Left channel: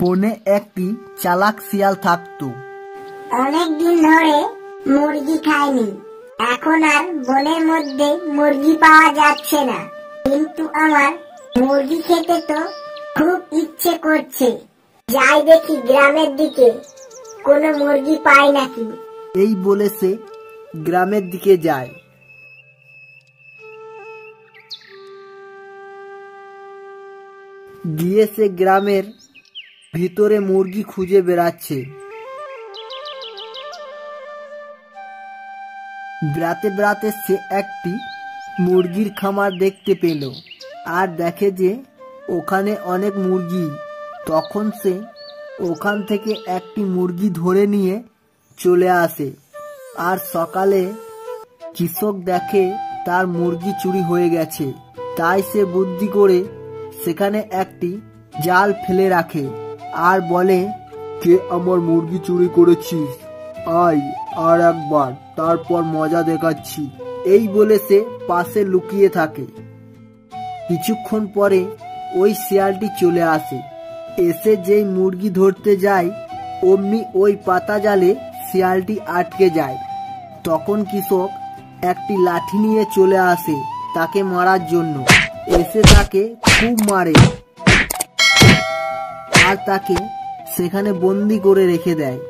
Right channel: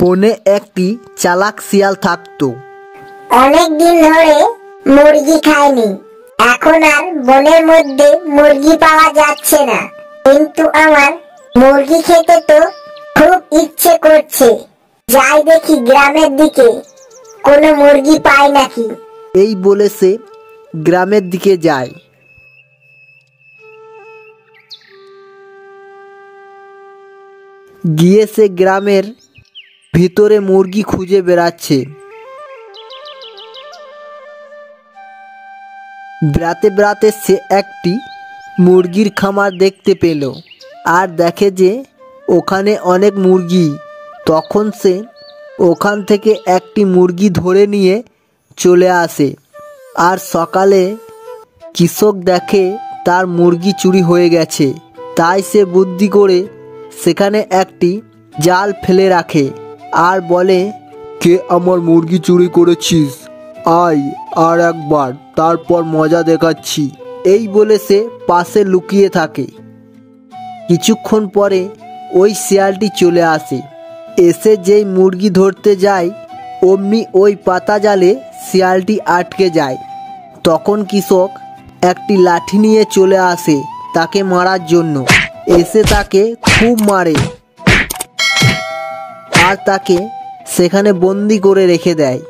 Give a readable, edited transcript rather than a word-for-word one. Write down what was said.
বনে একটি চালাক শিয়াল থাকতো। অনেকদিন ধরে মুরগি খাইনি, এখন আর বনের মধ্যে মুরগি পাওয়া যাচ্ছে না, কিন্তু আমার মুরগি খেতে তো খুব ইচ্ছে করছে। যাই দেখি গ্রামের দিকে কোনো মুরগি পাই নাকি। এই বলে সে গ্রামের দিকে যায়। গিয়ে সে গ্রামের ভিতরে মুরগি খুঁজে বেড়াচ্ছে। বেড়াতে বেড়াতে সে একটি মুরগির খামার দেখতে পেল আর দেখে যে ওখানে অনেক মুরগি। তখন সে ওখান থেকে একটি মুরগি ধরে নিয়ে চলে আসে। আর সকালে কৃষক দেখে তার মুরগি চুরি হয়ে গেছে, তাই সে বুদ্ধি করে সেখানে একটি জাল ফেলে রাখে আর বলে, কে আমার মুরগি চুরি করেছিস, আয় আর একবার, তারপর মজা দেখাচ্ছি। এই বলে সে পাশে লুকিয়ে থাকে। কিছুক্ষণ পরে ওই শিয়ালটি চলে আসে। এসে যেই মুরগি ধরতে যায় অমনি ওই পাতা জালে শিয়ালটি আটকে যায়। তখন কৃষক একটি লাঠি নিয়ে চলে আসে তাকে মারার জন্য। এসে তাকে খুব মারে আর তাকে সেখানে বন্দি করে রেখে দেয়।